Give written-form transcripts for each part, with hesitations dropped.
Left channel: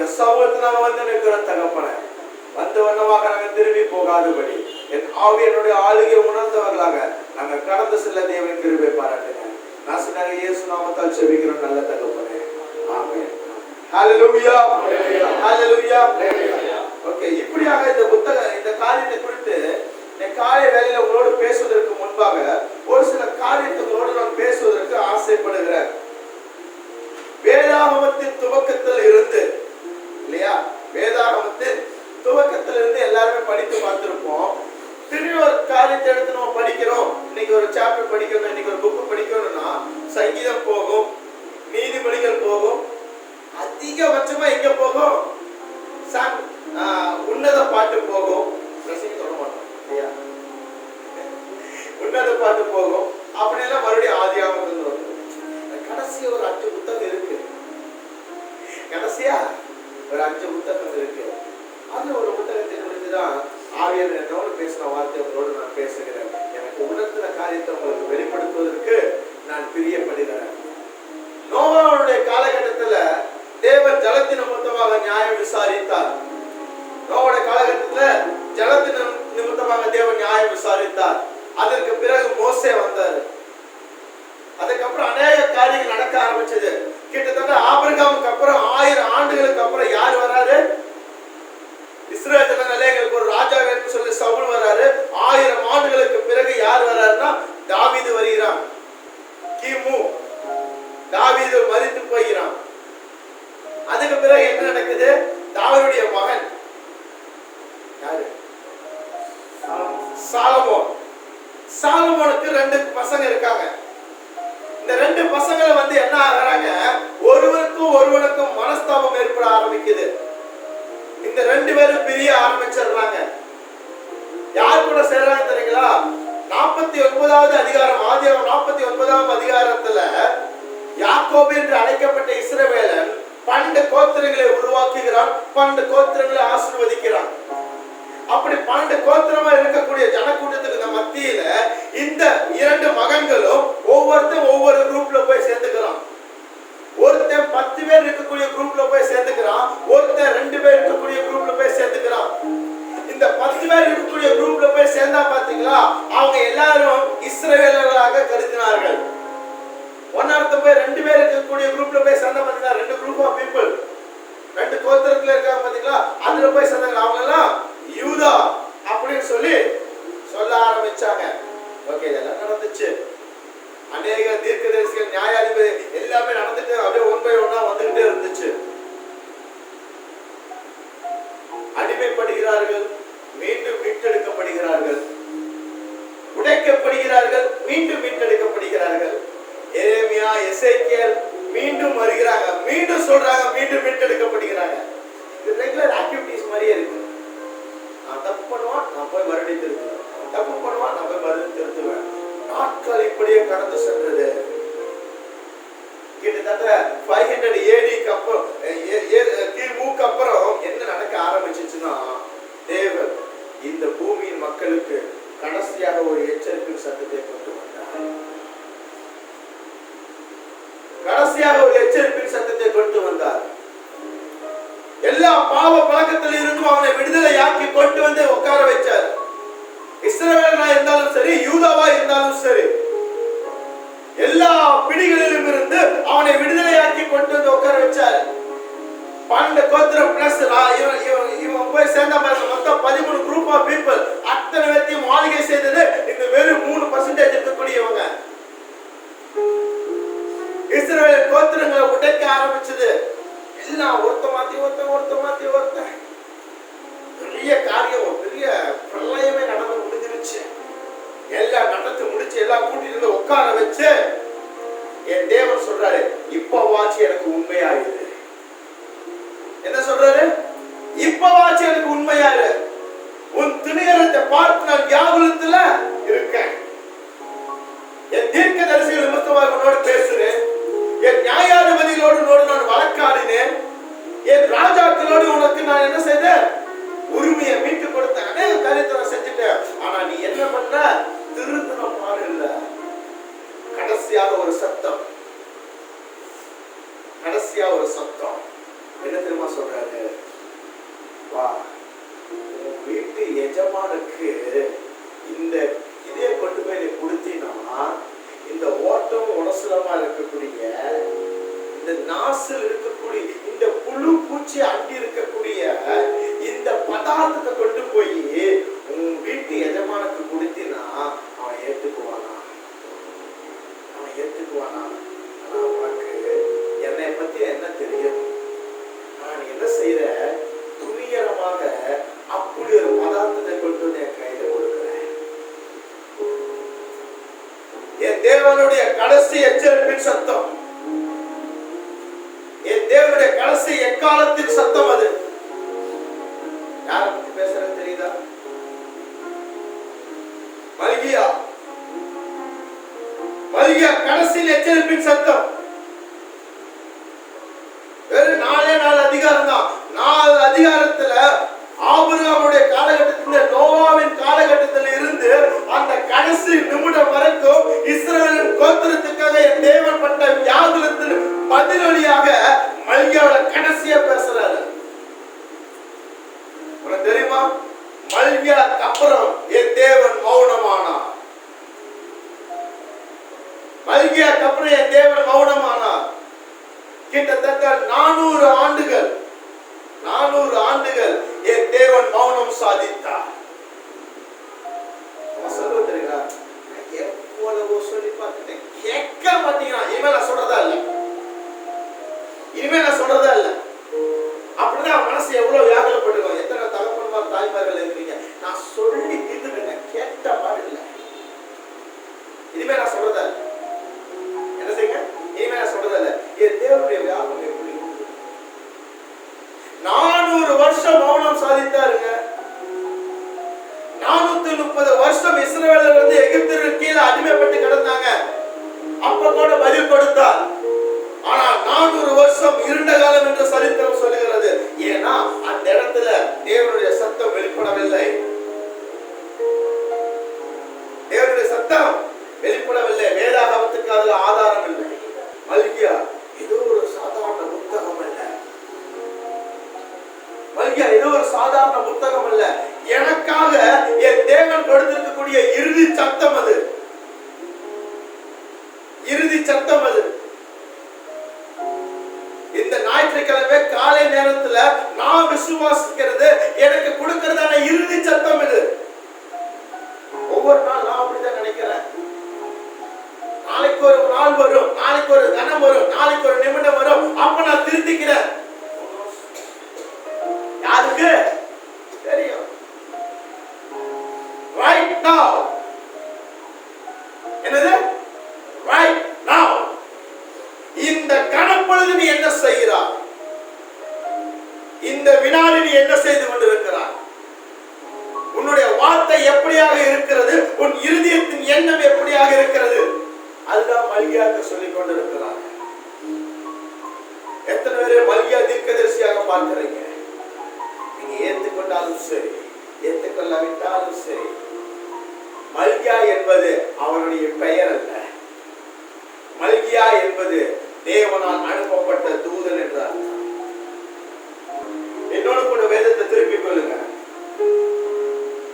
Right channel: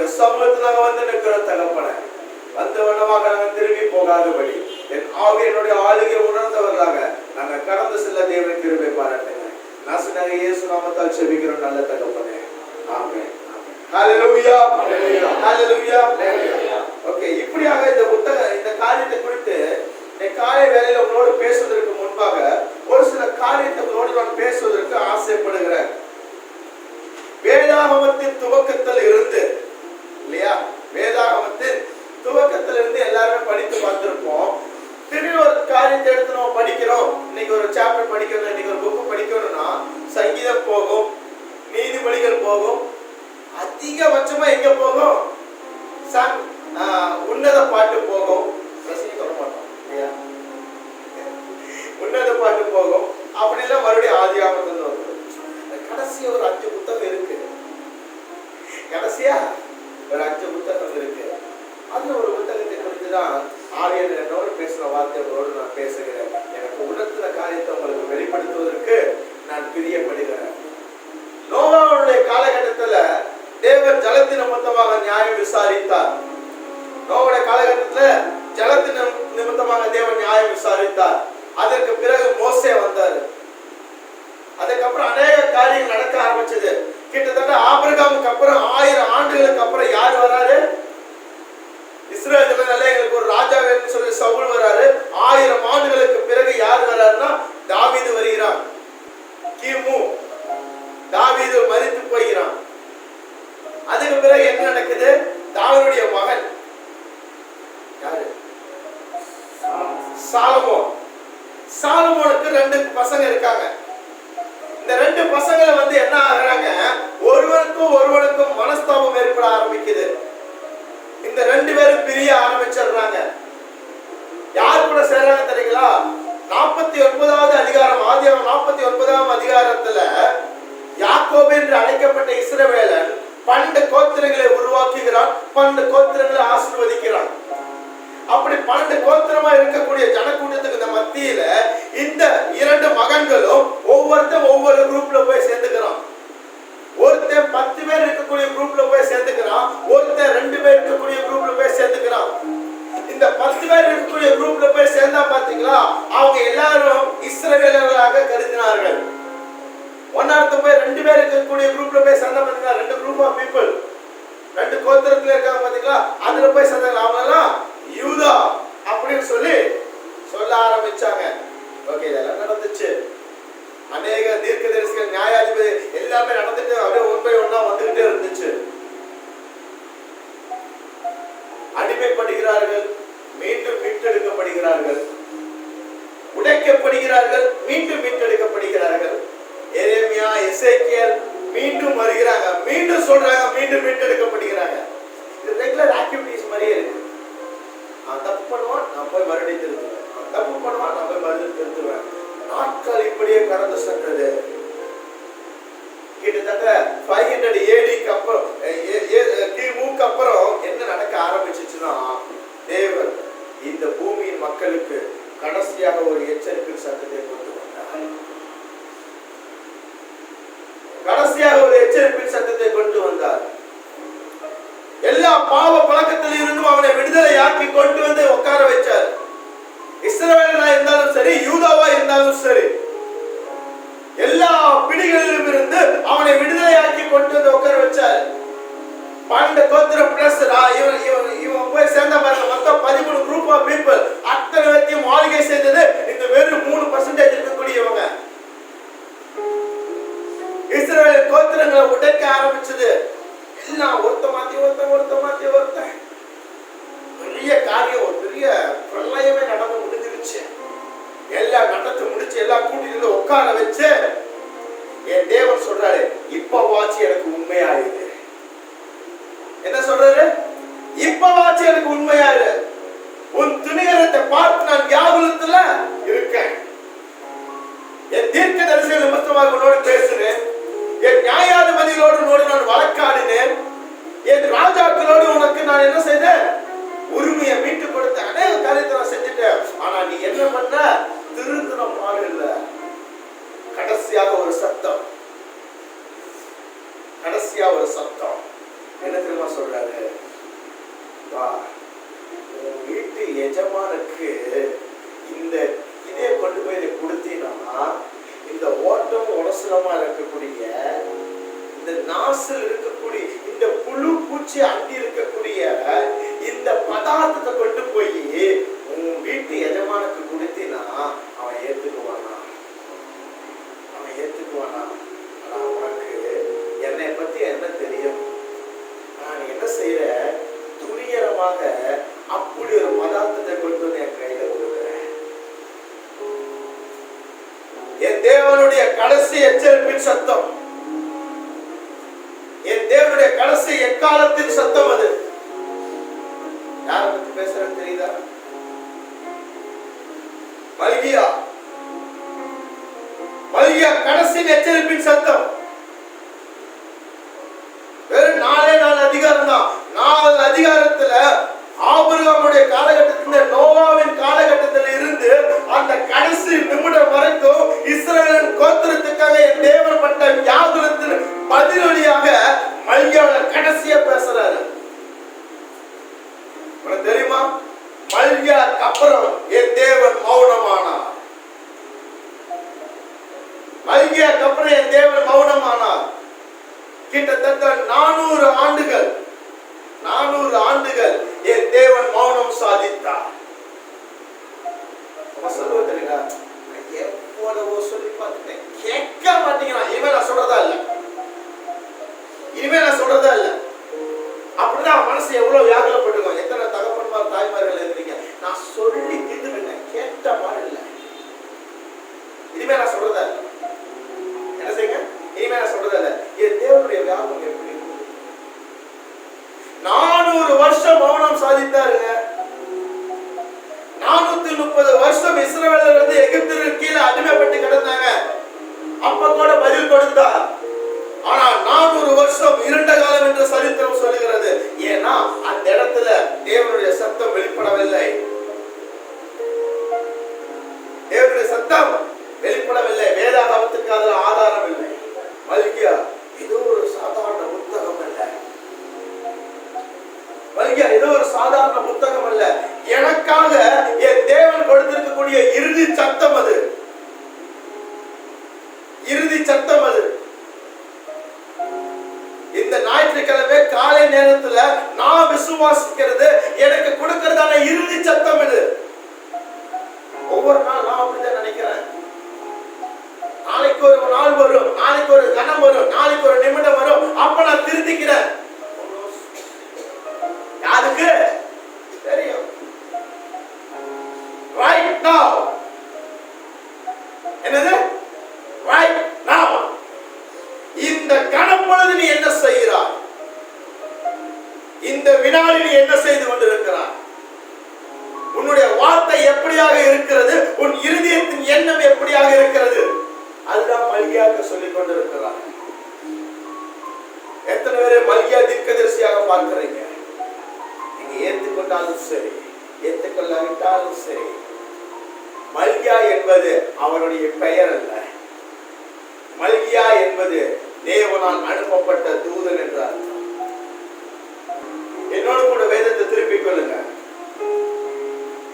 உங்களுடைய சமூகத்தில் நாங்கள் வந்து நிற்கிற தகப்பனை வந்த வண்ணமாக நாங்கள் திரும்பி போகாதபடி என் ஆவி என்னுடைய ஆளுகை உணர்ந்தவர்களாக நாங்கள் கடந்து செல்ல தேவன் கிருபை பாராட்டுங்க. நான் சொன்னாங்க இயேசு நாமத்தால் செபிக்கிறோம் நல்ல தகப்பனே. ஆமென். ஹல்லேலூயா. ஹல்லேலூயா. ஓகே, இப்படியாக இந்த காரியத்தை குறித்து காலை வேளையில உங்களோடு பேசுவதற்கு முன்பாக ஒரு சில காரியத்தை உங்களோடு நான் பேசுவதற்கு ஆசைப்படுகிறேன். வேதாகமத்தின் துவக்கத்தில் இருந்து இல்லையா, வேதாகமத்தின் துவக்கத்தில் இருந்து எல்லாருமே படித்து பார்த்திருப்போம். திடீர்னு ஒரு காரியத்தை எடுத்து நம்ம படிக்கிறோம். இன்னைக்கு ஒரு சாப்டர் படிக்கணும், இன்னைக்கு ஒரு புக்கு படிக்கணும்னா சங்கீதம் போகும், நீதிமொழிகள் போகும், அதிகபட்சமா எங்க போகும், உன்னத பாட்டு போகும், சொல்ல மாட்டோம் இல்லையா, உன்னத பாட்டு போகும். அப்படிலாம் மறுபடியும் ஆதியாகமத்தில் வரும். கடைசியா ஒரு 5 புத்தகம் இருக்கு. கடைசியா ஒரு 5 புத்தகம் இருக்கு. அதுல ஒரு புத்தகத்தை குறித்துதான் ஆவியானவர் என்னோடு பேசுற வார்த்தைகளோடு நான் பேசுகிறேன். எனக்கு உணர்த்தின காரியத்தை உங்களுக்கு வெளிப்படுத்துவதற்கு நான் பிரியப்படுகிறேன். நோவாவுடைய காலகட்டத்துல தேவன் ஜலத்தின் நிமித்தமாக நியாயம் விசாரித்தார். நோவாவுடைய காலகட்டத்துல ஜலத்தின் நிமித்தமாக தேவன் நியாயம் விசாரித்தார். அதற்கு பிறகு மோசே வந்தார். அதுக்கப்புறம் அநேக காரியங்கள் நடக்க ஆரம்பிச்சது. கிட்டத்தட்ட ஆபிரகாமுக்கு அப்புறம் 1000 ஆண்டுகளுக்கு அப்புறம் யார் வராரு, இஸ்ரவேல் ஜனங்களுக்கு ஒரு ராஜா வேணும்னு சொல்லி சவுல் வராரு. 1000 ஆண்டுகளுக்கு பிறகு யார் வராருன்னா தாவீது வருகிறான். கிமு தாவீது மரித்து போகிறான். அதுக்கு பிறகு என்ன நடக்குது, தாவீதுடைய மகன் யாரு, சாலமோன். சாலமோனுக்கு 2 பசங்க இருக்காங்க. இந்த 2 பசங்களை வந்து என்ன ஆகுறாங்க, ஒருவருக்கும் மனஸ்தாபம் ஏற்பட ஆரம்பிக்குது. இந்த 2 பேரும் பிரிய ஆரம்பிச்சிடுறாங்க. யார் கூட சேர்றாங்க தெரியுங்களா, 49வது அதிகாரம், ஆதியாகமம் 49ஆம் அதிகாரத்துல யாக்கோபு என்று அழைக்கப்பட்ட இஸ்ரவேலன் 12 கோத்திரங்களை உருவாக்குகிறான், 12 கோத்திரங்களை ஆசீர்வதிக்கிறான். அப்படி 12 கோத்திரமா இருக்கக்கூடிய ஜனக்கூட்டத்துக்கு மத்தியில இந்த 2 மகன்களும் ஒவ்வொருத்தரும் ஒவ்வொரு குரூப்ல போய் சேர்ந்துக்கிறான். ஒருத்தன் 10 பேர் இருக்கக்கூடிய குரூப்ல போய் சேர்ந்துக்கிறான், ஒருத்தன் 2 பேர் இருக்கக்கூடிய குரூப்ல போய் சேர்ந்துக்கிறான். இந்த 10 பேர் இருக்கக்கூடிய குரூப்ல போய் சேர்ந்தா பாத்தீங்களா, அவங்க எல்லாரும் இஸ்ரவேலர்களாக கருதினார்கள். ஒன்னார்த்த போய் 2 பேர் இருக்கக்கூடிய குரூப்ல போய் சேர்ந்தா பாத்தீங்களா, 2 குரூப் ஆஃப் பீப்புள், 2 கோத்திரத்துல இருக்காங்க பாத்தீங்களா, அதுல போய் சேர்ந்தாங்க. அவங்க எல்லாம் யூதா அப்படின்னு சொல்லி சொல்ல ஆரம்பிச்சாங்க. ஓகே, இதெல்லாம் நடந்துச்சு. அநேக தீர்க்கதரிசிகள், நியாயாதிபதி எல்லாமே நடந்துட்டு அப்படியே ஒன் பை ஒன்னா வந்துகிட்டே இருந்துச்சு. அடிமைப்படுகிறார்கள், மீண்டும் மீட்டெடுக்கப்படுகிறார்கள், உடைக்கப்படுகிறார்கள், மீண்டும் மீட்டெடுக்கப்படுகிறார்கள். எரேமியா, எசேக்கியேல் மீண்டும் வருகிறாங்க, மீண்டும் சொல்றாங்க, மீண்டும் மீட்டெடுக்கப்படுகிறாங்க. இது ரெகுலர் ஆக்டிவிட்டிஸ் மாதிரியே இருக்கு. நான் தப்பு பண்ணுவான், நான் போய் மறுபடியும் திருத்துவேன், தப்பு பண்ணுவான், நான் போய் மறுபடியும் திருத்துவேன். நாட்கள் இப்படியே கடந்து சென்றது. கிட்டத்தட்ட 500 ADக்கு அப்புறம், கிமுக்கு அப்புறம் என்ன நடக்க ஆரம்பிச்சுச்சுன்னா, தேவன் இந்த பூமியின் மக்களுக்கு கடைசியாக ஒரு எச்சரிக்கை சத்தத்தை கொண்டு வந்தார். கடைசியாக ஒரு எச்சரிக்கை சத்தத்தை கொண்டு வந்தார். எல்லா பாவ பழக்கத்தில் இருந்தும் அவனை விடுதலையாக்கி கொண்டு வந்து உட்கார வச்சார். இஸ்ரவேலா இருந்தாலும் சரி, யூதாவா இருந்தாலும் சரி, எல்லா பிடிகளிலும் இருந்து அவனை விடுதலையாக்கி கொண்டு வந்து உட்கார வச்சார். 12 கோத்திரம் பிளஸ் இவன் போய் சேர்ந்த மாதிரி மொத்தம் 13 குரூப் ஆஃப் பீப்புள். அத்தனை பேரையும் மாளிகை செய்தது இந்த வெறும் 3% இருக்கக்கூடியவங்க. இஸ்ரவேல் கோத்திரங்களை உடைக்க ஆரம்பிச்சது. எல்லாம் ஒருத்த மாத்தி ஒருத்த பெரிய காரியம், ஒரு பெரிய பிரளயமே நடந்து முடிஞ்சிருச்சு. எல்லாம் நடந்து முடிச்சு, எல்லாம் கூட்டிட்டு உட்கார வச்சு என் தேவன் சொல்றாரு, இப்பவாச்சு எனக்கு உண்மையாயிரு. என்ன சொல்றாரு, இப்பவாச்சு எனக்கு உண்மையாயிரு. உன் துணிகரத்தை பார்த்து நான் வியாகுலத்துல இருக்கேன். என் தீர்க்க தரிசிகள் நிமித்தமாக உன்னோடு பேசுறேன். என் நியாயாதிபதிகளோடு நான் வழக்காடினேன். என் ராஜாக்களோடு உனக்கு நான் என்ன செய்தேன், உரிமையை மீட்டு கொடுத்த அநேக காரியத்தை நான் செஞ்சுட்டேன். ஆனா நீ என்ன பண்ண, திருந்தின பாடு இல்ல. கடைசியாக ஒரு சத்தம் என்ன தெரியுமா சொல்றாரு, வா உன் வீட்டு எஜமானுக்கு இந்த இதே கொண்டு போய் கொடுத்தீங்கன்னா, இந்த ஓட்டம் உடசலமா இருக்கக்கூடிய, இந்த நாசில் இருக்கக்கூடிய, இந்த புழு பூச்சி அண்டி இருக்கக்கூடிய இந்த பதார்த்தத்தை கொண்டு போய் உன் வீட்டு எஜமானுக்கு கொடுத்தீனா அவன் ஏத்துக்குவானா? அவன் ஏத்துக்குவானா? ஆனா உனக்கு என்னை பத்தி என்ன தெரியும்? நான் என்ன செய்யற, துணிகரமாக அப்படி ஒரு பதார்த்தத்தை கொண்டு வந்து என் கையில கொடுக்கிறேன். என் தேவனுடைய கடைசி எச்சரிப்பின் சத்தம், என் தேவனுடைய கடைசி எக்காலத்தின் சத்தம் அது. யாரை பத்தி பேசுறேன்னு தெரியுதா? மல்கியா, மல்கியா கடைசி எச்சரிப்பின் சத்தம். வெறும் 4 அதிகாரம் தான். 4 அதிகாரத்துல ஆபிரகாமுடைய காலகட்டத்தில், நோவாவின் காலகட்டத்தில் இருந்து அந்த கடைசி நிமிடம் வரைக்கும் இஸ்ரவேலின் கோத்திரத்துக்காக என் தேவன் பட்ட வியாகுலத்தின் பதிலொலியாக மல்கியாவோட கடைசியா பேசுறாரு. உனக்கு தெரியுமா? மல்கியாக்கு அப்புறம் என் தேவன் மௌனமானார். மல்கியாக்கு அப்புறம் என் தேவன் மௌனமானார். கிட்டத்தட்ட 400 ஆண்டுகள், 400 ஆண்டுகள் என் தேவன் மௌனம் சாதித்தார். சொல்லுவது தெரியுங்களா? எவ்வளவோ சொல்லி பார்த்துட்டேன், கேட்க மாட்டீங்கன்னா இனிமேல் நான் சொல்றதா இல்ல, இனிமேல் நான் சொல்றதா இல்ல. அப்படிதான் மனசு எவ்வளவு வியாகுலப்பட்டிருக்கோம். எத்தனை தகப்பன்மார் தாய்மார்கள் இருக்கிறீங்க, நான் சொல்லி தீர்த்துட்டேங்க, கேட்ட மாதிரி இல்லை. இனிமே நான் சொல்றதா இல்லை. என்ன செய்யுங்க? இனிமே நான் சொல்றதா இல்லை. என் தேவனுடைய வியாபம் எப்படி 400 வருஷம் மௌனம் சாதித்தாருங்க. 430 வருஷம் இஸ்ரவேலர் வந்து எகிப்திற்கு கீழே அடிமைப்பட்டு கிடந்தாங்க. அப்ப கூட பதில் கொடுத்தார். ஆனா 400 வருஷம் இருண்ட காலம் என்று சரித்திரம் சொல்லுகிறது. ஏன்னா அந்த இடத்துல தேவனுடைய சத்தம் வெளிப்படவில்லை. தேவனுடைய சத்தம் வெளிப்படவில்லை. வேதாகமத்துக்கு அதுல ஆதாரம் இல்லை. மல்கியா ஏதோ ஒரு சாதாரண புத்தகம் அல்ல. மல்கியா ஏதோ ஒரு சாதாரண புத்தகம் அல்ல. எனக்காக என் தேவன் கொடுத்திருக்கக்கூடிய இறுதி சத்தம் அது. இறுதி சத்தம் அது. இந்த ஞாயிற்றுக்கிழமை காலை நேரத்துல நான் விசுவாசிக்கிறது, எனக்கு கொடுக்கிறதான இறுதி சத்தம் இது. ஒவ்வொரு நாள் நான் அப்படிதான் நினைக்கிறேன். நாளைக்கு ஒரு நாள் வரும், நாளைக்கு ஒரு கணம் வரும், நாளைக்கு ஒரு நிமிடம் வரும், அப்ப நான் திருத்திக்கிறேன். யாருக்கு தெரியும்? Right now. என்னது? Right now. இந்த கணப்பொழுது நீ என்ன செய்கிறாய்? இந்த வினாடி நீ என்ன செய்து கொண்டிருக்கிறாய்? உன்னுடைய வார்த்தை எப்படியாக இருக்கிறது? உன் இருதயத்தின் எண்ணம் எப்படியாக இருக்கிறது? அதுதான் மல்கியாக்கு சொல்லிக் கொண்டிருக்கிறார். எத்தனை பேரை மல்கியா தீர்க்கதரிசியாக பார்க்கிறீங்க? நீங்க ஏற்றுக்கொண்டாலும் சரி, ஏற்றுக்கொள்ளாவிட்டாலும் சரி, மல்கியா என்பது அவனுடைய பெயர் அல்ல. மல்கியா என்பது தேவனால் அனுப்பப்பட்ட தூதன் என்ற அர்த்தம். என்னோடு கூட வேதத்தை திருப்பிக் கொள்ளுங்க.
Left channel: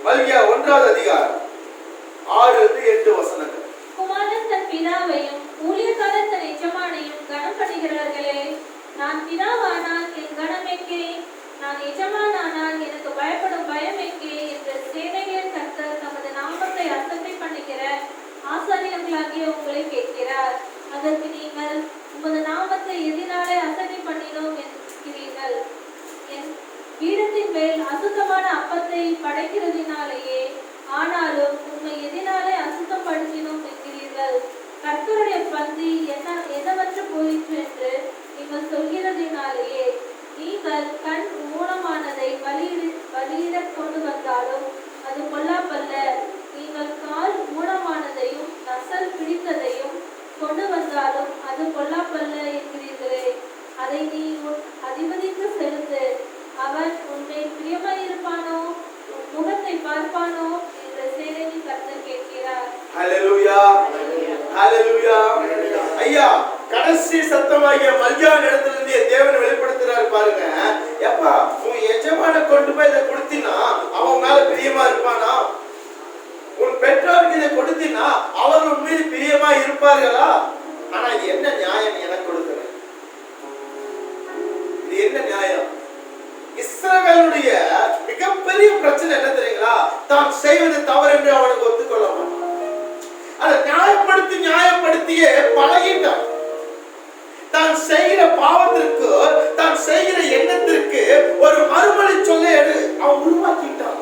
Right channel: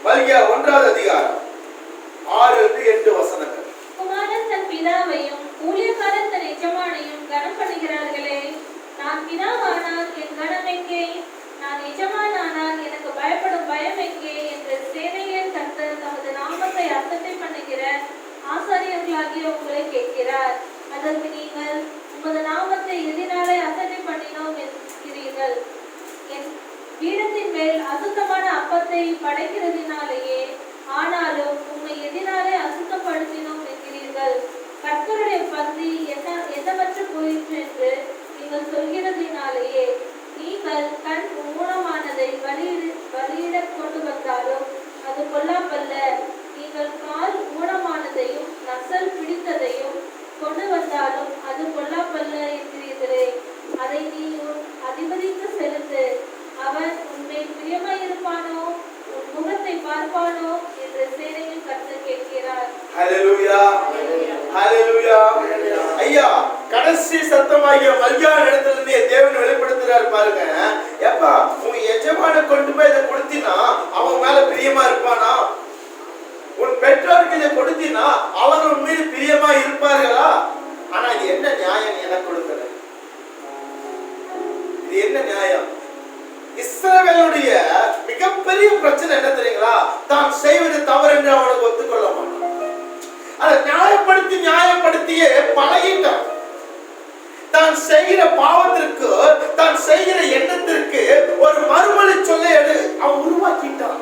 மல்கியா 1வது அதிகாரம் 6-8 வசனங்கள். குமாரன் தன் பிதாவையும் ஊழியக்காரன் தன் எஜமானையும் கனம் பண்ணுகிறார்களே, நான் பிதாவானால் என் கனம் எங்கே? நான் எஜமானானால் எனக்கு பயப்படும் பயம் எங்கே? என்ற சேனைகளின் கர்த்தர் தமது நாமத்தை அசட்டை பண்ணுகிற ஆசாரியர்களாகிய உங்களை கேட்கிறார். அதற்கு நீங்கள் உமது நாமத்தை எதினாலே அசட்டை பண்ணினோம் என்கிறீர்கள். என் பீடத்தின் மேல் அசுத்தமான அப்பத்தை படைக்கிறதினாலேயே. ஆனாலும் உம்மை எதினாலே அசுத்தப்படுத்தினோம் என்கிறீர்கள். கர்த்தருடைய பந்தி என்னவற்ற போயிற்று என்று நீங்கள் சொல்கிறதினாலேயே. நீங்கள் கண் ஊனமானதை பலியிட கொண்டு வந்தாலும் அது பொல்லாப்பல்ல. நீங்கள் கால் ஊனமானதையும் நசல் பிடித்ததையும் கொண்டு வந்தாலும் அது பொல்லாப்பல்ல என்கிறீர்களே. அதை நீ உன் அதிபதிக்கு செலுத்து. அவன் உன்மேல் பிரியமாயிருப்பானோ, உன் முகத்தை பார்ப்பானோ என்ற சேனையின் கர்த்தர் கேட்கிறார். ஹல்லேலூயா, ஹல்லேலூயா. ஐயா, கடைசி சத்தமாகிய மல்கியா இடத்திலிருந்து தேவன் வெளிப்படுத்துறார் பாருங்க. பெரிய பிரச்சனை என்ன தெரியுங்களா? தான் செய்வது தவறு என்று அவனுக்கு ஒத்துக்கொள்ள மாட்டான். அதை நியாயப்படுத்தியே பழகிட்டான். தான் செய்கிற பாவத்திற்கு, தான் செய்கிற எண்ணத்திற்கு ஒரு மறுமொழி சொல்ல அவன் உருவாக்கிட்டான்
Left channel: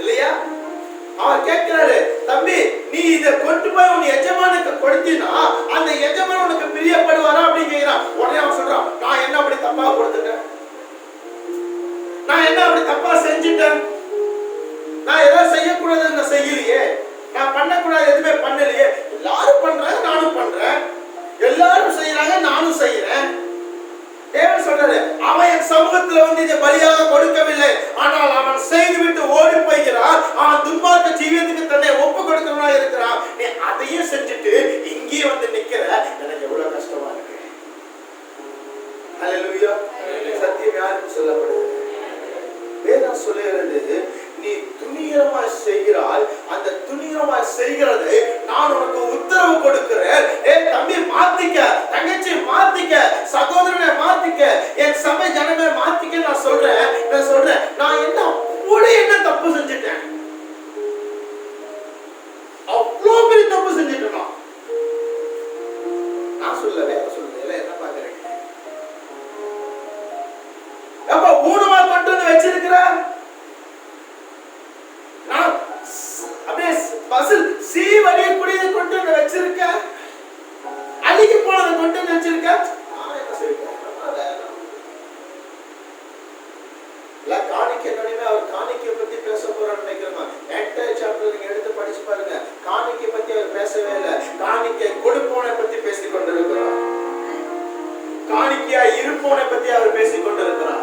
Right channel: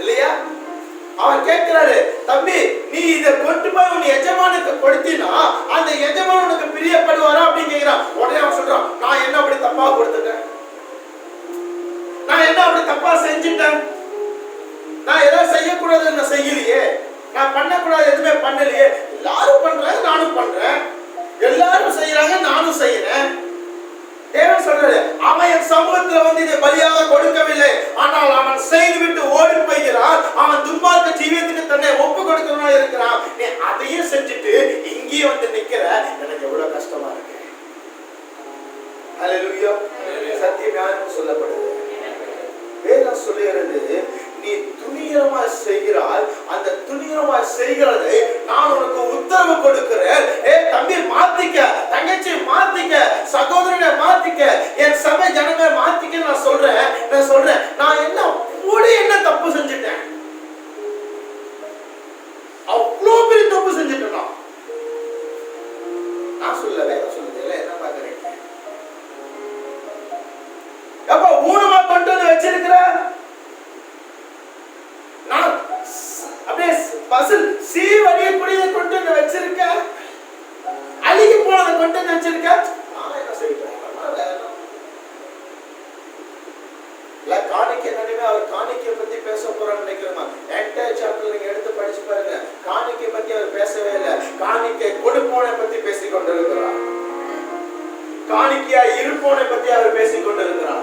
இல்லையா? அவன் கேட்கிறாரு, தம்பி நீ இதை கொண்டு போய் உன் எஜமானுக்கு கொடுத்தினா அந்த எஜமான் உனக்கு பிரியப்படுவாரா அப்படின்னு கேட்கிறான். உடனே அவன் சொல்றான், நான் என்ன அப்படி தப்பா கொடுத்துட்டேன்? நான் என்ன அப்படி தப்பா செஞ்சுட்டேன்? நான் ஏதாவது செய்யக்கூடாது நான் செய்யலையே, நான் பண்ணக்கூடாது எதுவுமே பண்ணலையே. எல்லாரும் பண்றாங்க, நானும் பண்றேன், எல்லாரும் செய்யறாங்க, நானும் செய்யறேன். தேவன் சொல்றாரு, அவன் என் சமூகத்துல வந்து இதை பலியாக கொடுக்கவில்லை, ஆனால் அவன் செய்துவிட்டு ஓடி போகிறான். அவன் துன்மார்க்க ஜீவியத்துக்கு தன்னை ஒப்பு கொடுக்கிறவனா இருக்கிறான். நீ அதையும் செஞ்சுட்டு இங்கேயே வந்து நிக்கிற, எனக்கு எவ்வளவு கஷ்டமா இருக்கு. ஹல்லேலூயா. சத்தியம் யாருக்கு சொல்லப்படுது? வேதம் சொல்லுகிறது, நீ துணிகரமாய் செய்கிறாய், அந்த துணிகரமாய் செய்கிறதை நான் உனக்கு உத்தரவு கொடுக்கிறேன். தம்பி மாத்திக்க, தங்கச்சி மாத்திக்க, சகோதரனை மாத்திக்க, என் சபை ஜனமே மாத்திக்க. நான் சொல்றேன், நான் என்ன தப்பு செஞ்சுட்டேன்? அவ்வளோ பெரிய தப்பு செஞ்சுட்டேன். நான் சொல்லவே சொல்லுது என்ன பாக்குறேன்? எப்ப ஊனமா கொண்டு வந்து வச்சிருக்கிற, நான் அப்படியே பசில் சீவடிய குடியை கொண்டு வந்து வச்சிருக்க, அழுகி போனதை கொண்டு வந்து வச்சிருக்க. நான் என்ன செய்வேன்? காணிக்கை நடுவே அவர் காணிக்கை பத்தி பேச போறான்னு நினைக்கிறோமா? என்டையர் சாப்டர் நீங்க எடுத்து படிச்சு பாருங்க. காணிக்கை பத்தி அவர் பேசவே இல்லை. காணிக்கை கொடுப்போனை பத்தி பேசிக் கொண்டிருக்கிறார். காணிக்கையா இருப்போனை பத்தி அவர் பேசிக் கொண்டிருக்கிறார்.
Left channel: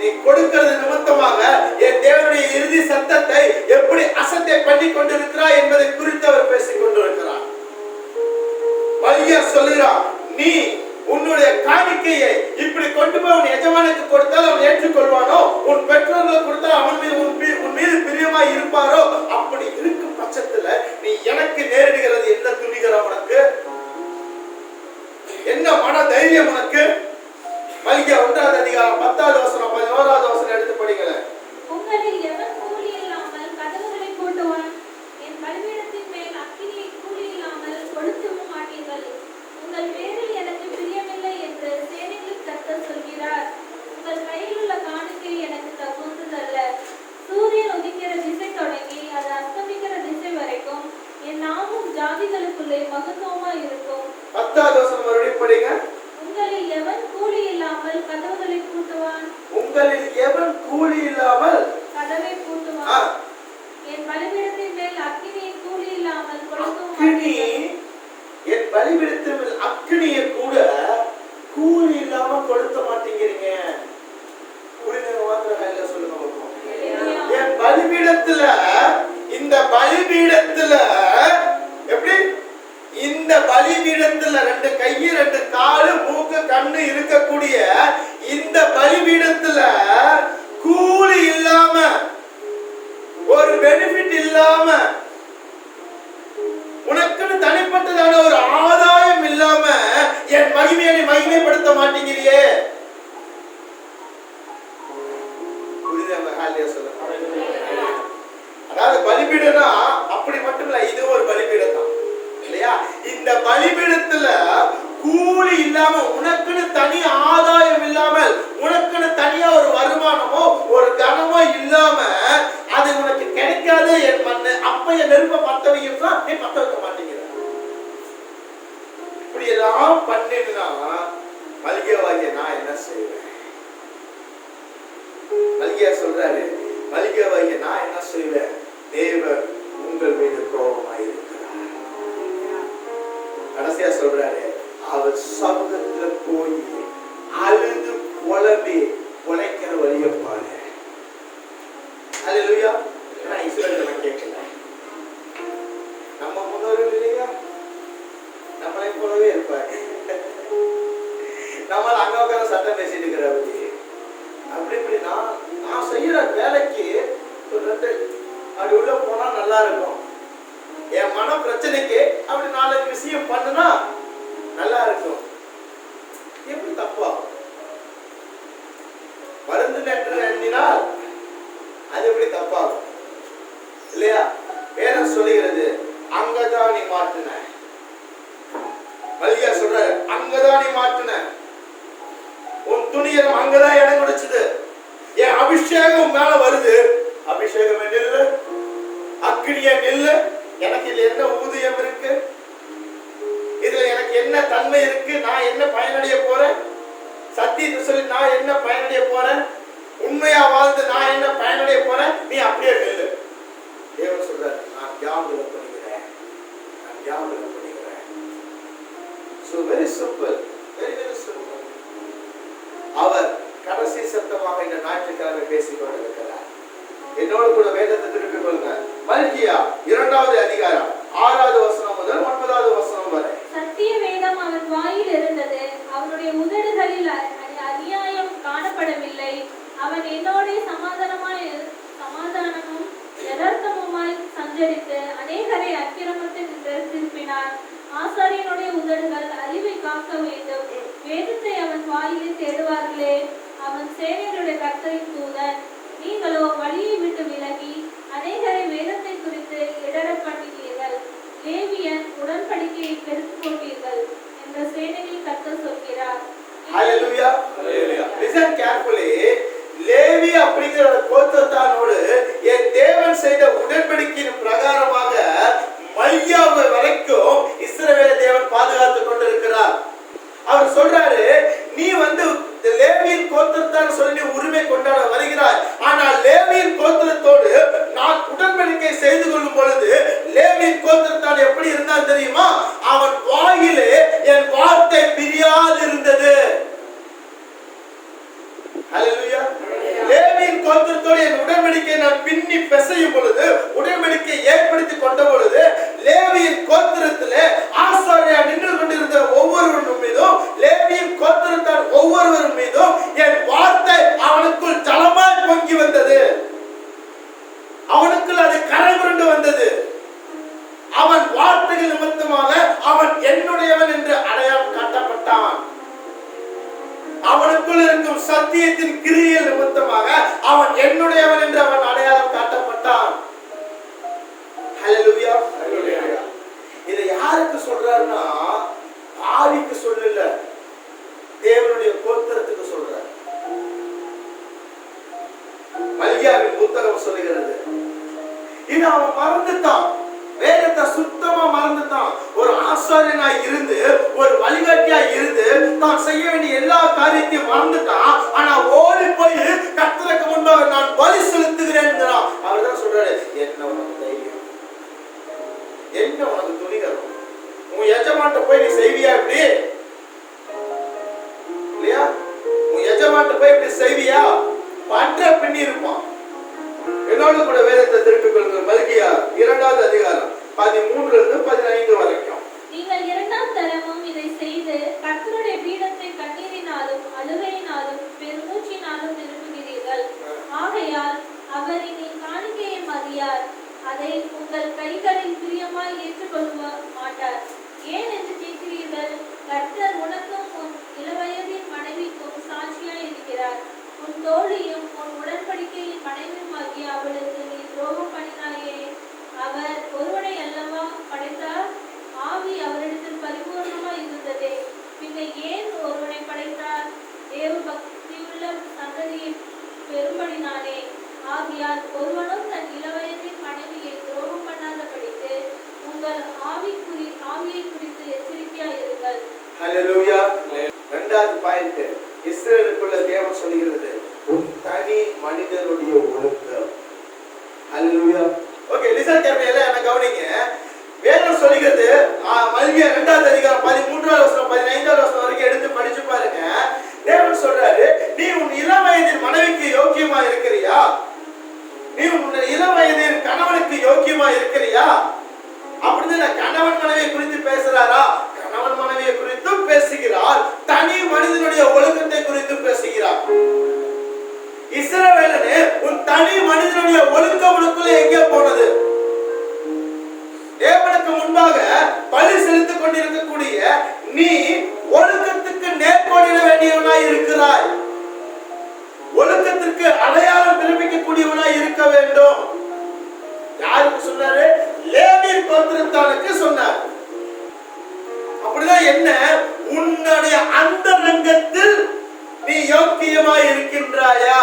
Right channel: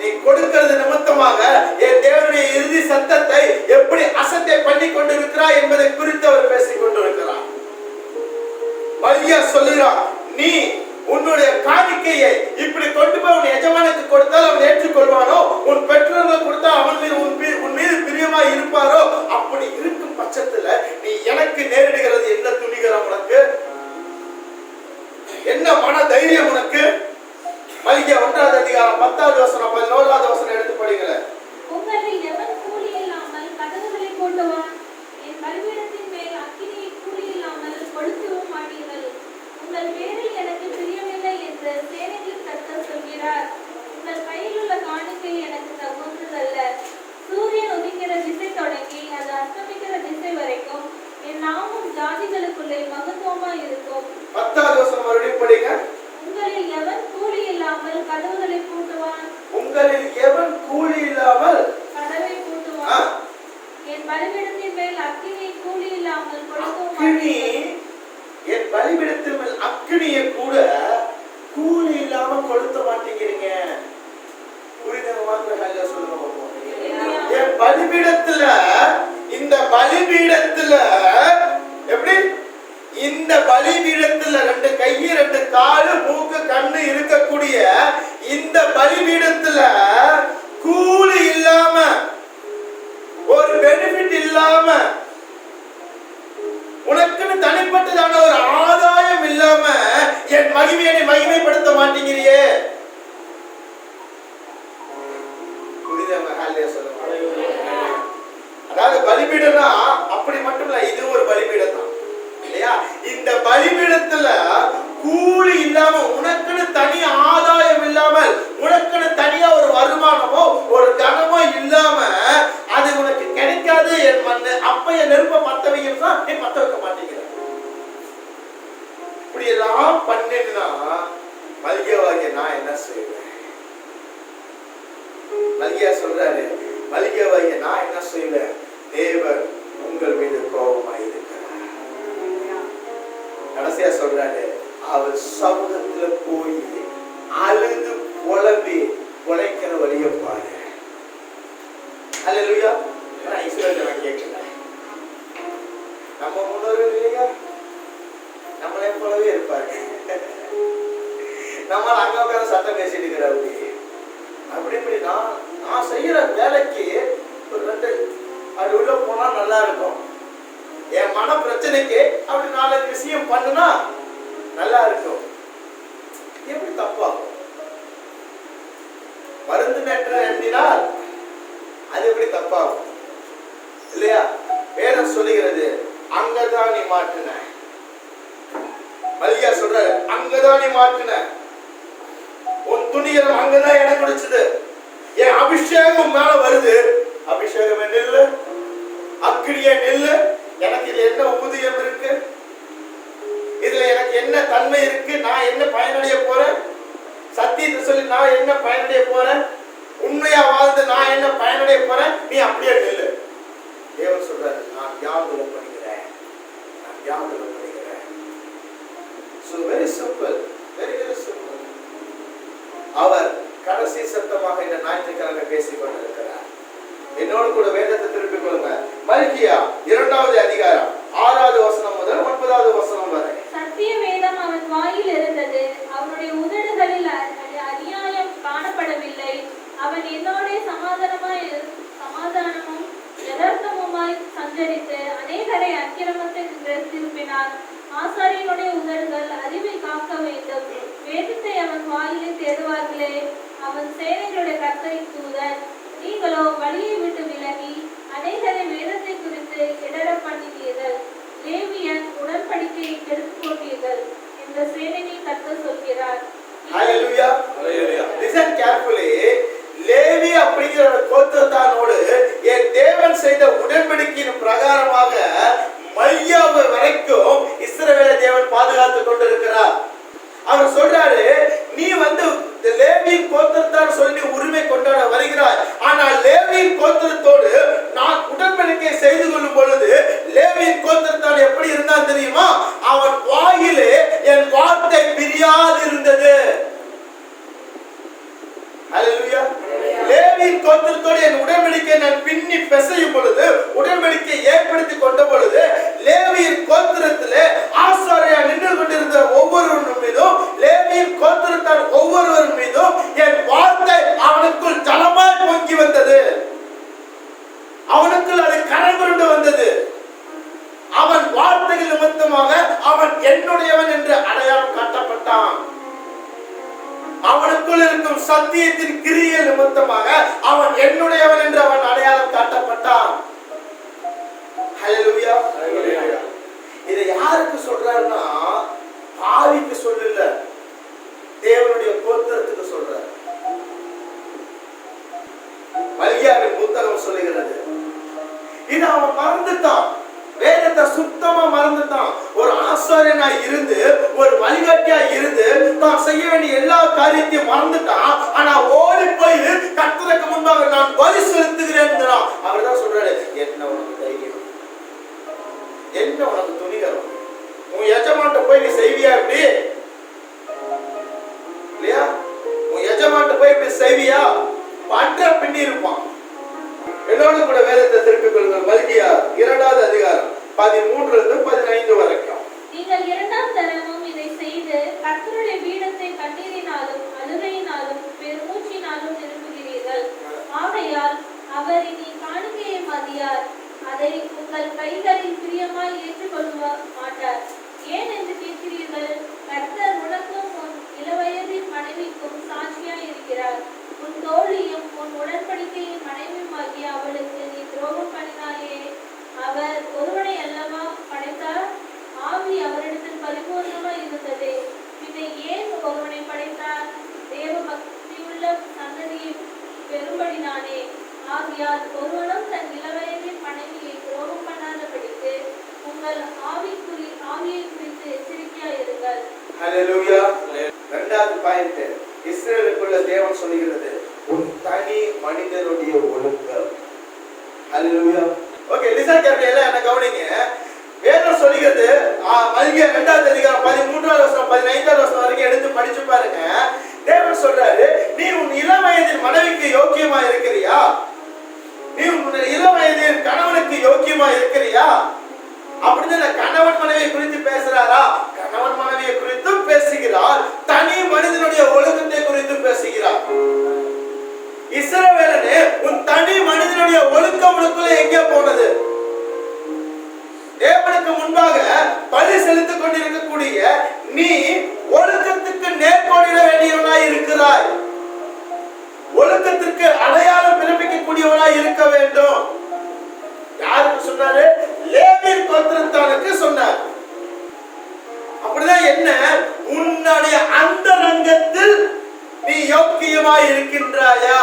நீ கொடுக்கிறது நிமித்தமாக என் தேவனுடைய இறுதி சத்தத்தை எப்படி அசட்டை பண்ணி கொண்டிருக்கிறாய் என்பதை குறித்து அவர் பேசிக் கொண்டிருக்கிறார். வலியா சொல்லுகிறார், நீ உன்னுடைய காணிக்கையை இப்படி கொண்டு போய் உன் எஜமானுக்கு கொடுத்தால் அவன் ஏற்றுக்கொள்வானோ? உன் பெற்றோர்கள் கொடுத்தால் அவன் மீது உன் மீது பிரியமா இருப்பாரோ? அப்படி இருக்கும் பட்சத்துல நீ எனக்கு நேரிடுகிறது என்ன துணிகரம் உனக்கு? என்ன மன தைரியம் உனக்கு? மல்கியா 1வது அதிகாரம் 10வது வசனம் 11வது வசனம் எடுத்து படிங்களேன். உங்களில் எவன் கூலி இல்லாமல் கதவுகளை போடுவான்? என் பலிபீடத்தின் மேல் அக்கினியை கூலி இல்லாமல் கொளுத்தவும் மாட்டீர்கள். உங்கள் பேரில் எனக்கு பிரியமில்லை என்று சேனைகளின் கர்த்தர் சொல்கிறார். உங்கள் கையில் உள்ள காணிக்கை எனக்கு தகுந்ததல்ல. சூரியன் உதிக்கிற திசை தொடங்கி அது அஸ்தமிக்கிற திசை வரைக்கும் என் நாமம் ஜாதிகளுக்குள்ளே மகத்துவமா இருக்கும். 10வது வசனம் மறுபடியும் படிங்க. உங்களில் எவன் கூலி இல்லாமல் கதவுகளை பூட்டுவான்? உங்களில் எவன் கூலி இல்லாமல் கதவை பூட்டுவான்? என் பலிபீடத்தின் மேல் அக்கினி கூலி இல்லாமல் கொளுத்தவும் அக்கினி, என் பலிபீடத்தின் மேல் அக்கினியை கூட கூலி இல்லாம கொளுத்த மாட்டேங்கிறீங்க. புரிஞ்சவங்க மாத்திரம் நல்லா சொல்லுங்க பாப்போம். என் பலிபீடத்துல, இந்த பலிபீடத்துல எப்படி? இந்த பலிபீடத்துல 2 கை 2 காலு மூக்கு கண்ணு இருக்கக்கூடிய இந்த பலிபீடத்துல கூலி இல்லாம, ஒரு பெனிஃபிட் இல்லாம, உனக்குன்னு தனிப்பட்டதான ஒரு ஆதாயம் இல்லாம என் மகிமையை மகிமைப்படுத்த மாட்டேங்கிறியே. புரியுதா? ஹல்லேலூயா சொல்லுங்க. அதாவது பலிபீடம்னா அப்படி மட்டும் இல்ல, இது ஒரு பலிபீடம் தான் இல்லையா? இந்த பலிபீடத்துல கூலி இல்லாம, உனக்குன்னு தனி ஆதாயம் இல்லாமல், உனக்குன்னு தனியா ஒரு வருமானமோ ஒரு கனமோ இல்லாம அது உனக்கு கிடைக்காது. என் மண்ணு அப்ப என் நெருப்ப பத்த வைக்கும், நீ பத்த வைக்க மாட்டேங்கிற. இப்படி எல்லாம் பண்ணினா மல்கியாவாகிய நான் என்ன செய்வேன்? மல்கியா சொல்றாரு, மல்கியாவாகிய நான் என்ன செய்வேன்? தேவன் உங்கள் மீது கோபமாயிருக்கிறார். கடைசியா சொல்றாரு, அவர் சமூகத்துல போய் அழுது புலம்பி உழைக்கிற வழிய பாரு. ஹல்லேலூயா. நான் இஸ்ரவேலை கேட்கல, நம்ம முன்னோர்கள் இல்லையா, நம்மளை போலவே இருப்பாரு. நம்மள அங்க உட்கார சட்டம் பேசிட்டு இருக்கிறாரு. அப்படி நான் செய்யற வேலைக்கு ஒரு 2 அப்படி உள்ள போனா நல்லா இருக்கும். என் மன பிரச்சனைக்கு அப்படி 4 விஷயம் பண்ணுனா நல்லா இருக்கும். எப்படி தப்பாகும்? மருந்து என்று எண்ணினால் அது எப்படி தப்பாகும் இல்லையா? வேதம் சொல்லுகிறது அங்கதான் நீ மாற்றின. மல்கியா சொல்றாரு அங்கதான் நீ மாற்றின. உன் துணிகள் அங்கதான் இடம் கொடுத்தது. என் அபிஷேகம் மேல வருது. அபிஷேகம் நெல்லு, அக்கினிய நெல்லு. எனக்கு இதுல என்ன ஊதியம் இருக்கு? இதுல எனக்கு என்ன தன்மை இருக்கு? நான் என்ன பயனடைய போறேன்? சத்தியத்தை சொல்லி நான் என்ன பயனடைய போறேன்? உண்மையா வாழ்ந்து நான் என்ன பயனடைய போறேன்? நீ அப்படியே நெல்லு. தேவன் சொல்றாரு நான் ஞாபகம் பண்ணிக்கிறேன், நான் ஞாபகம் பண்ணிக்கிறேன். So very simple, very very simple. அவர் கடைசி சத்தமாக இந்த ஞாயிற்றுக்கிழமை பேசிக் கொண்டிருக்கிறார். என்னோடு கூட வேதத்தை திருப்பிக் கொள்ளுங்க. மல்கியா 2வது அதிகாரம் 6வது வசனம் முதல் 9வது வசனம் வரை. சத்திய வேதம் அவன் வாயில் இருந்தது, அவனுடைய உதடுகளில் அநியாயம் காணப்படவில்லை. அவன் என்னோட சமாதானமும் யதார்த்தமுமாய் சஞ்சரித்து அநேகரை அக்கிரமத்தை திருப்பினான். ஆசாரியனுடைய உதடுகள் அறிவை காக்க வேண்டும். வேதத்தை அவன் வாயிலே தேடுவார்களே. அவன் சேனைகளுடைய கர்த்தரின் தூதன். நீங்களோ வழியை விட்டு விலகி அநேகரை வேதத்தை குறித்து இடர பண்ணுவீர்கள். லேவியன் உடன்படிக்கையை கெடுத்து போட்டீர்கள் என்று சேனையின் கர்த்தர் சொல்கிறார். Hallelujah. Hallelujah. Listen carefully. Levi அப்படிங்கிற கோத்திரத்தானோடு என் தேவன் செய்த உடன்படிக்கையின் பிரகாரமாக மல்கியாவை வரைக்கும் இஸ்ரவேல தேவன் பாதுகாத்துக் கொண்டிருக்கிறார். அவர் சொல்றாரு நீ லேவியின் கோத்திரத்தான் சொல்லி உரிமை கொண்டாட வருகிறாய். ஆனால் லேவியின் கோத்திரத்தோடு நான் உடன்படிக்கை செய்து கொள்ளும் பொழுது லேவியின் கோத்திரத்தான் எப்படி இருந்தான் தெரியுமா? அவன் வாயிலே என் வார்த்தை பிரியாது இருந்தது. ஹல்லேலூயா. லேவியின் கோத்திரத்தோடு என் உடன்படிக்கை நான் பின்னி பிசையும் பொழுது, உடன்படிக்கை ஏற்படுத்தி கொண்ட பொழுது, லேவியின் கோத்திரத்திலே ஆசாரியா நின்று கொண்டிருந்த ஒவ்வொருவரும் மீதும், லேவியின் கோத்திரத்தார் ஒவ்வொருவரும் மீதும் என் வார்த்தை அவனுக்குள் ஜலமாய் பொங்கி வந்தது. அவனுக்குள் அது கரை புரண்டு வந்தது. அவன் வார்த்தைகள் நிமித்தமாக அவன் என்னுடையவன் என்று அடையாளம் காட்டப்பட்டான். அவனுக்குள் இருக்கும் சத்தியத்தின் கிரியை நிமித்தமாக அவன் என்னுடையவன் என்று அவன் அடையாளம் காட்டப்பட்டான். ஹல்லேலூயா. இதை யாருக்கு சொல்றாருன்னா ஆவிக்கு சொல்லல, தேவனுடைய கோத்திரத்துக்கு சொல்றார். மல்கியாவின் புத்தகம் சொல்லுகிறது. இது அவன் மறந்துட்டான், வேதத்தை சுத்தமா மறந்துட்டான். ஒரு ஆசாரியனாய் இருந்து, ஒரு வழிகாட்டியாய் இருந்து தான் செய்ய வேண்டிய எல்லா காரியத்தையும் மறந்துட்டான். ஆனா ஓடி போய் கர்த்தருக்கு முன்பாக நான் பலி செலுத்துகிறேன். அவர் தான் சொல்றாரு என்ன உனக்கு தைரியம், என்ன உனக்கு துணிகரம், உன் எஜமான்ட்ட போய் நீ செய்வியா? இப்படி இல்லையா? உன் எஜமான்ட்ட போய் இப்படி செய்வியா? பண்ற பின்னி இருப்பான். என்னோடு கூட வேதத்தை திருப்பிக் கொள்ளுங்கள். மல்கியா 2வது அதிகாரம் 13-15 வரைக்கும். நீங்கள் 2ஆம் தரமும் இதை செய்து கர்த்தருடைய பீடத்தை கண்ணீரினாலும் அழுகையினாலும் பெருமூச்சினாலும் நிரப்புகிறீர்கள். ஆகையால் அவர் இனி காணிக்கையை மதியார், அதை உங்கள் கைகளில் பிரியமாய் ஏற்றுக்கொள்ள மாட்டார். ஏன் என்று கேட்கிறீர்கள்? கர்த்தர் உனக்கும் உன் இளவயதின் மனைவிக்கும் சாட்சியாய் இருக்கிறார். உன் தோழியும் உன் உடன்படிக்கையின் மனைவியுமாகிய அவளுக்கு நீ துரோகம் பண்ணினாயே. அவர் ஒருவனை அல்லவா படைத்தார்? ஆவி அவரிடத்தில் பரிபூர்ணமாய் இருந்ததே. பின்ன ஏன் ஒருவனை படைத்தார்? தேவ பக்தியுள்ள சந்ததியை பெறும்படினானே. ஆகையால் ஒருவனும் தன் இளவயதின் மனைவியை துரோகம் பண்ணாதபடிக்கு உங்கள் ஆவியை குறித்து எச்சரிக்கையாய் இருங்கள். ஹல்லேலூயா. 2வது பாயிண்ட், இஸ்ரவேலுக்குள்ள தேவன் சொல்லுகிறது ஒரு தனி மனிதனுடைய ஒழுக்கம். ஹல்லேலூயா. ஓகே, லிசன் கேர்ஃபுல்லி, என்ன கவனிங்க. வேதம் சொல்லுகிறது மல்கியா 2வது அதிகாரம் 13வது வசனம் 15வது வசனம் வரைக்கும் எடுத்து படிச்சு பாருங்க. தேவன் சொல்றாரு நீ உன் இளம் வயதின் மனைவிக்கு யோக்கியமா இருக்கிறியா? நீ உன் இளம் வயதின் கணவனுக்கு யோக்கியமா இருக்கிறியா? அப்படின்னு கணவன் மனைவியை குறித்து பேசுறாரா? கணவன் மனைவியை குறித்தும் பேசுகிறார், தனி மனிதனுடைய ஒழுக்கத்தை குறித்து பேசுகிறார். இஸ்ரவேலனே, உன் தனி மனிதனுடைய ஒழுக்கம் உனக்குள்ள எங்கே போனது? தேவனுக்கு முன்பாக பலி செலுத்திக் கொண்டிருக்கக்கூடிய நீ ஒழுக்கத்துக்கு நேர்கோடிட வேண்டியவனாய் இருக்கிறாய். ஒழுக்கத்திற்கு யாருக்கு சொன்னாரு? லேவி கோத்திரத்தானுக்கு சொன்னார். அப்படிதான் என்ன, உன்னுடைய அந்தரங்கத்தில் நீ யோக்கியமாய் இருக்கின்றாயா?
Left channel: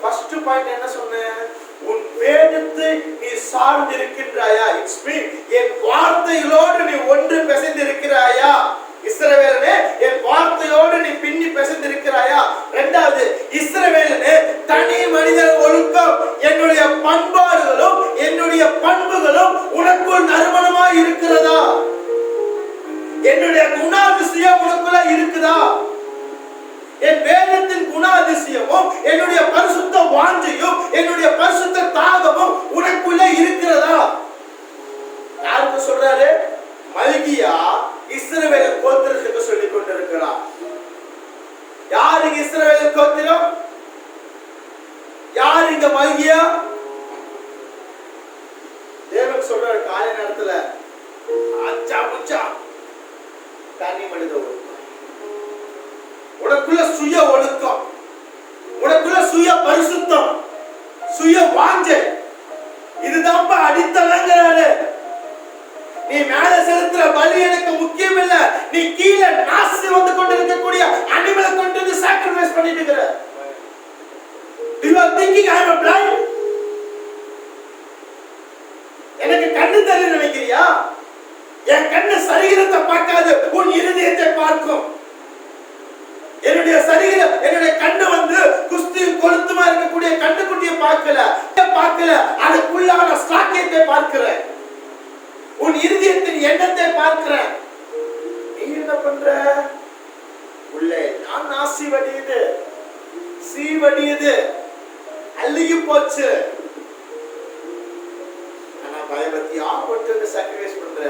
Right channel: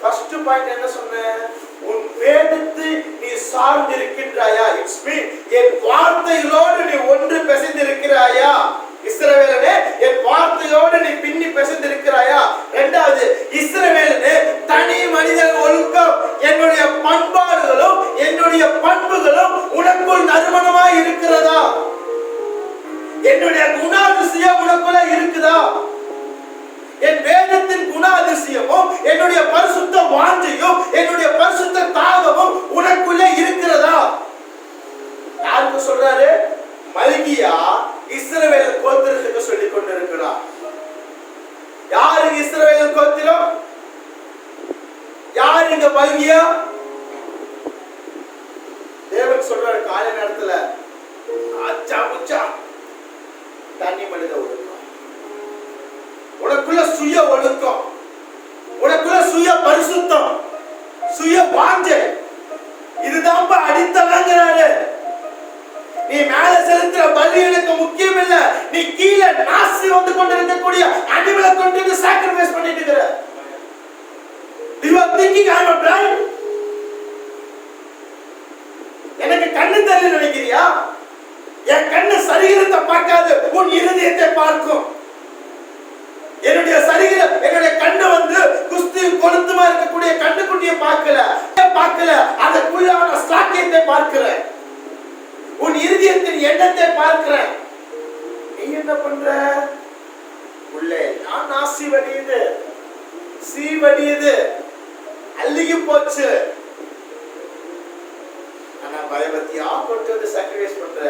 ஃபர்ஸ்ட் பாயிண்ட் என்ன சொன்னேன்? உன் வேதத்தை நீ சார்ந்து இருக்கின்றாயா? இட்ஸ் மீன் என் வார்த்தைகளோடு நீ ஒன்று பிசைந்து இருக்கிறாயா? இஸ்ரவேலனே, என் வார்த்தையோடு நீ பின்னி பிசைந்து இருக்கிறாயா? இரண்டாவது, இஸ்ரவேலனே, தனி மனித ஒழுக்கம், என்னுடைய பண்பாடுகளும் என்னுடைய பண்புகளும் உனக்குள் நறுமணமாய் இருக்கிறதா? என்னுடைய குணாதிசயம் உனக்குள்ள இருக்குதா? என் வேதத்தின் குணாதிசயமும் என்னுடைய பரிசுத்த வாஞ்சையும் என்னுடைய பரிசுத்த தாகமும் உனக்குள்ள இருக்கிறதா? யாருக்கு சொல்றாரு? மல்கியா இஸ்ரவேல் கோத்திரத்துக்கு சொல்லிக் கொண்டிருக்கிறார். யாருக்கு இஸ்ரவேல் கோத்திரம்? யார் இங்க மல்கியா? தேவன் சொல்றாரு காலை நேரத்துல, அச்சா புச்சா தனி மனித ஒழுக்கம், உனக்குள்ள சுய ஒழுக்கம், உனக்குள்ள சுய பரிசுத்தம், சுய வாஞ்சை, இதுதான் அடித்தளங்கிறாரு. நீ மேல செலுத்துற பலி எனக்கு முக்கியம் இல்ல, நீ கீழே நாசி வந்து கொண்டிருக்கக்கூடிய அனிமலை கொண்டு சாக்ரிஃபைஸ் பண்ணிட்டு இருக்கிற. You are thinking I am blind? எனக்கு கண்ணு தெரியல நினைக்கிறியா? என் கண்ணு சரீரத்தை பார்க்காது, உன் இருதயத்தை பார்க்கும். என்னுடைய சரீரம், என்னுடைய கண்ணு குஸ்தி கொளுத்துமா இருக்கக்கூடிய கண்ணுக்குட்டியை பார்க்கல, அதுக்குள்ளான சாக்கியத்தை பார்க்கிறேன், உன் இருதயத்தின் எண்ணத்தை பார்க்கிறேன். நீ என்ன பண்ற? உள்ளே நான் நாசி வடியுது, சீவடியுது, அள்ளிக்கு போச்சு. ஆனா பயபக்தியா கொண்டு சாக்ரிஃபைஸ் பண்ற.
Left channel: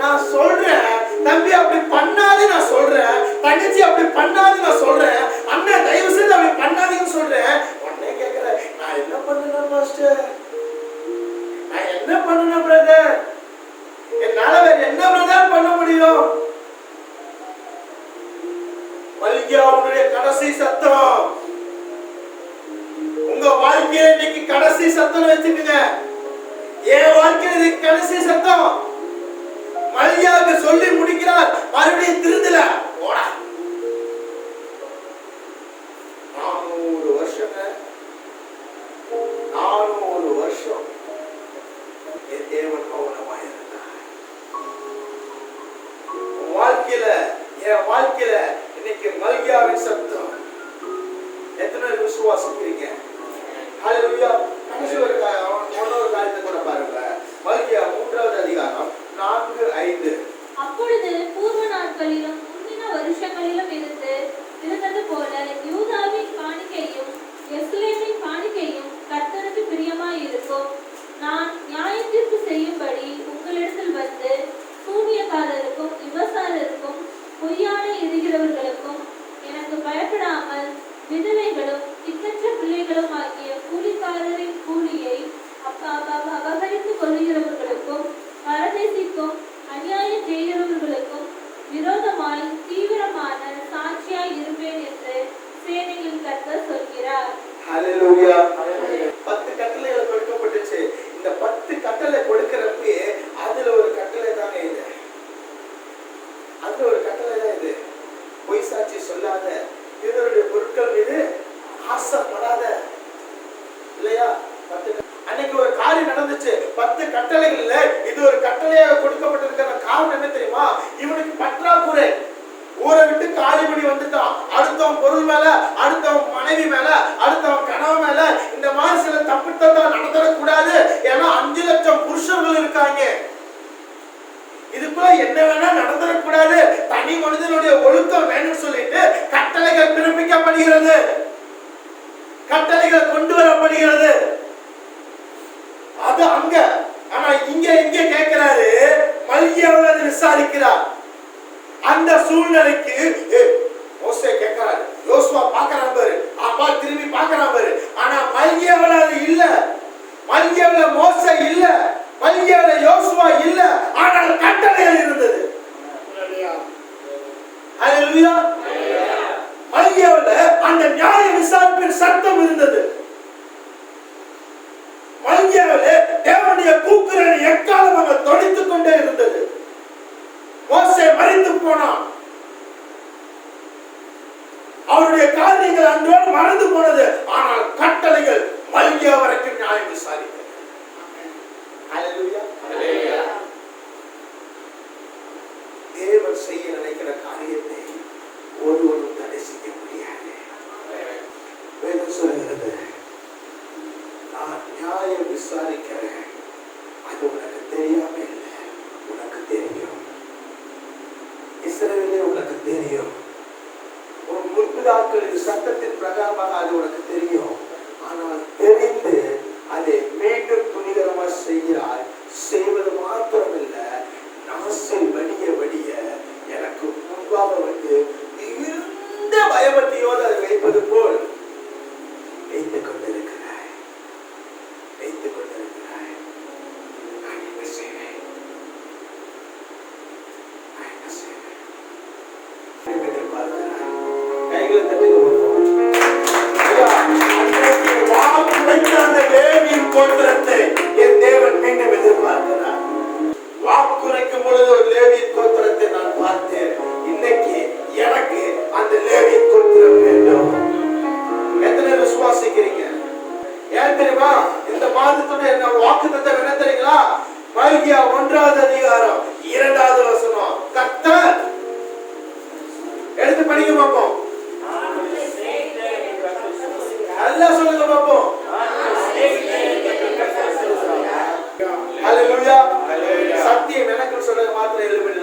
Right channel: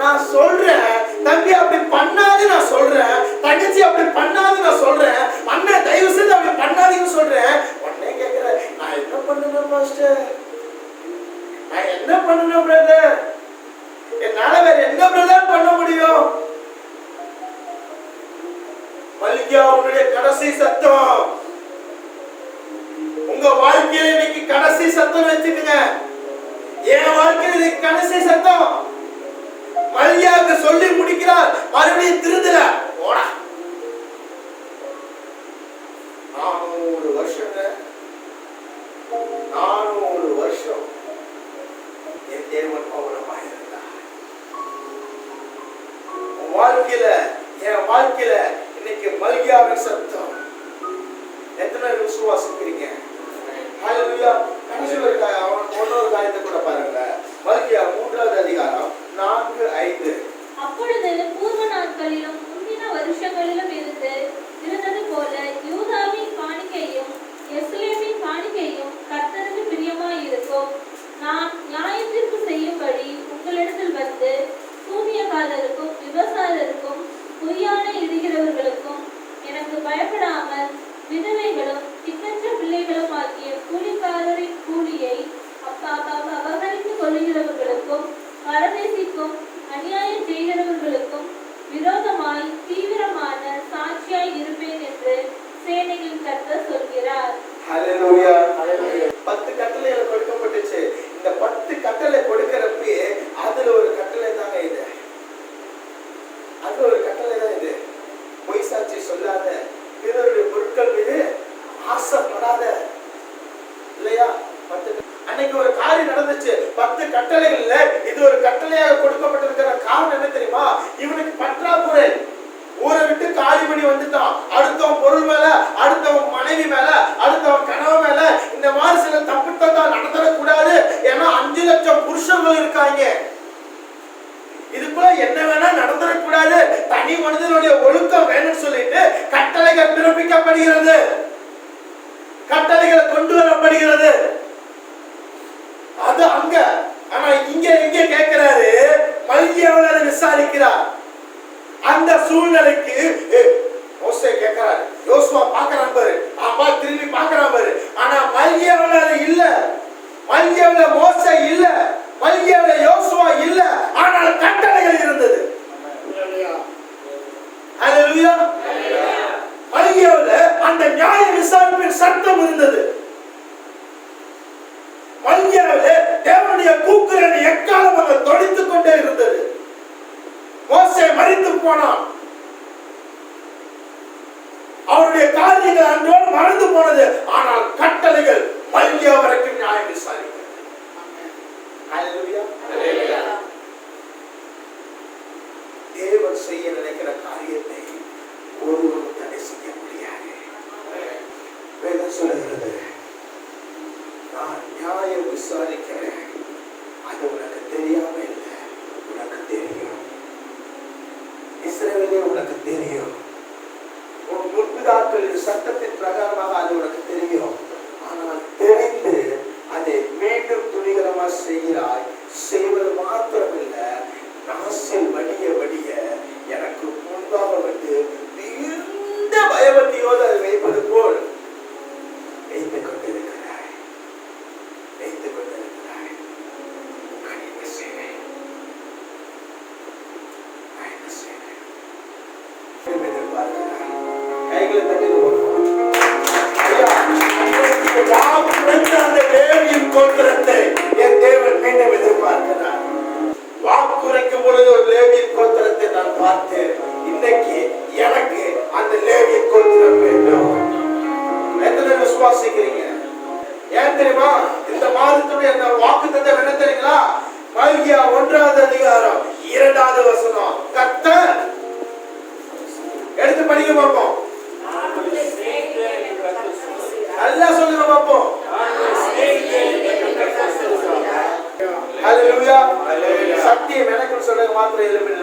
நான் சொல்றேன் தம்பி அப்படி பண்ணாது, நான் சொல்றேன் தங்கச்சி அப்படி பண்ணாது, நான் சொல்றேன் அண்ணன் தயவு செய்து அப்படி பண்ணாதீங்கன்னு சொல்றேன். உடனே கேக்குற, நான் என்ன பண்ணணும் பாஸ்டர்? நான் என்ன பண்ணணும் பிரதர்? என்னால வேற என்ன பிரதர் பண்ண முடியும்? மல்கியா உன்னுடைய கடைசி சத்தம், உங்க வாழ்க்கையில இன்னைக்கு கடைசி சத்தம் வச்சுக்கங்க. என் வாழ்க்கையில இது கடைசி சத்தம். மல்கியாவுக்கு சொல்லி முடிக்கிறார், மறுபடியும் திருந்தல. ஓடா 400 வருஷங்க, 400 வருஷம் என் தேவன் பௌர்ணமாய் இருந்தார். வாழ்க்கையில, என் வாழ்க்கையில இன்னைக்கு மல்கியாவின் சத்தம் எத்தனை விசுவாசிக்கிறீங்க? ஹல்லேலூயா. கடைசி ஒரு காரியத்தை கூட பாருங்க. மல்கியா 3வது அதிகாரம் 4-5. அப்பொழுது பூர்வ நாட்களிலும் முந்தின வருஷங்களிலும் இருந்தது போல யூதாவின் காணிக்கையும் எருசலேமின் காணிக்கையும் கர்த்தருக்கு பிரியமாய் இருக்கும். நான் நியாயத்தீர்ப்பு செய்யும்படி உங்களிடத்தில் வந்து சூனியக்காரருக்கும் விபசாரருக்கும் பொய்யான எரிகிறவர்களுக்கும் எனக்கு பயப்படாமல் விதவைகளும் திக்கற்ற பிள்ளைகளும் ஆகிய கூலிக்காரரின் கூலியை அபகரித்துக் கொள்ளுகிறவர்களுக்கும் பரதேசிக்கும் அநியாயம் செய்கிறவர்களுக்கும் விரோதமாய் தீவிரமான சாட்சியாய் இருப்பேன் என்று சேனைகளின் கர்த்தர் சொல்கிறார். ஹல்லேலூயா. 10 கட்டளைகள் கொடுக்கப்பட்டுச்சு. இந்த 10 கட்டளை கொடுக்கிறப்ப அதுல ஒரு கட்டளை தாங்க இது. அதுல ஒரு கட்டளை தான் இது. பொய் சாட்சி சொல்லாத, பிறருடைய பொருட்கள் மீது ஆசைப்படாத. இல்லையா? 10 அன்னைக்கு ஒரு காரியம் நடந்துச்சு. 10 கட்டளைகள்ல இது ஒரு கட்டளையாக கொடுக்கப்பட்டிருக்கிற காரணம் என்ன தெரியுமா? இவனுக்கு பற்றாக்குறை. ஊரை விட்டு காலி பண்ணி வந்துட்டான். அடுத்தவன் பொருள் மேல, அடுத்தவன் மனைவி மேல, அடுத்தவன் கணவன் மேல இந்த மாதிரி சில தப்புத்தா நடந்துடக்கூடாது. ஏன்னா 5 லட்சம் புருஷர்கள் இருக்காங்க. இதுக்குள்ள என்ன வேணா நடந்துடக்கூடாது. தனி மனிதனுடைய ஒழுக்கம் வேணும்னு சொல்லிட்டு கட்டளைகள் பிறப்பிக்கப்படுகிறது, கட்டளைகள் கொண்டு வரப்படுகிறது. அது அங்க. ஆனா இங்க எங்க கேட்கிறாரு? மல்கியாவில் அதை விசாரிக்கிறார். அந்த சூழ்நிலைக்கு மோசே கேட்கிறாரு, யோசுவா பார்க்கறான் பாரு, அப்பா திரும்பி பார்க்கறான் பாரு. ஆனா மல்கியாவில் அது இல்ல. மல்கியாவில் மோசே இல்ல, மல்கியாவில் யோசுவா இல்ல. ஆனால் கட்டளைகள் இருந்தது. ஹல்லேலூயா. மல்கியாவில் அந்த நியாய விசாரிப்பின் சத்தம் இருந்தது. மல்கியாவிலே தேவனுடைய கூக்குரல் எக்காலம் அங்க தொனித்துக் கொண்டே இருந்தது. மோசே மரித்து போனான். அவருடைய காரியங்கள் அன்றோடு மறந்து போனது. ஆனால் கட்டளைகள் மல்கியா வரைக்கும் நியாயம் விசாரிக்கிறது. ஹல்லேலூயா. தேவன் செய்ய நினைக்கிற காரியத்தை ஒருவரும் தடை செய்ய முடியாது. வேதம் சொல்கிறது, நான் நியாயம் விசாரிக்கிறேன். அது உனக்கு தெரியாம இல்லை, உனக்கு தெரியும். இஸ்ரவேலே உனக்கு தெரியும். உன் முற்பிதாக்களின் சட்டத்தின் பிரகாரமாக அது உனக்கு தெரியும். ஆனால் தெரிந்து அதை மீண்டும் துணிகரமா செய்கிறாய். செய்வது மாத்திரமில்லை, நாசில் வடிய வடிய எனக்கு முன்பாக வந்து மிகுந்த பயபக்தியோடு அதை வைப்பது போல் வைத்துக் கொண்டிருக்கிறாய். நான் என்ன செய்வேன்? கைகளை தட்டி அந்த லேவியின் கோத்திரத்தை என் தேவன் மீண்டும் எதிர்பார்க்கிறார். வாக்குரைக்கும் பொழுது ஒரு லேவியின் கோத்திரத்தை நான் பார்த்தேன். இன்னைக்கு எனக்கு அந்த லேவியின் கோத்திரம் வேண்டும். எத்தனை விசுவாசிக்கிறீங்க? ஏன் தெரியுமா? இந்த மாதத்துடைய வாக்குத்தத்தம் என்ன தெரியுங்களா? மல்கியா 1வது அதிகாரம் 2வது வசனம். கர்த்தர் எடுத்து படிக்க பார்ப்போம். எல்லாம் சொல்லுங்க பார்ப்போம். ஹல்லேலூயா. சத்தியம் எனக்கு சொல்லுங்க மாத்திரம் எழுப்பிடுங்க.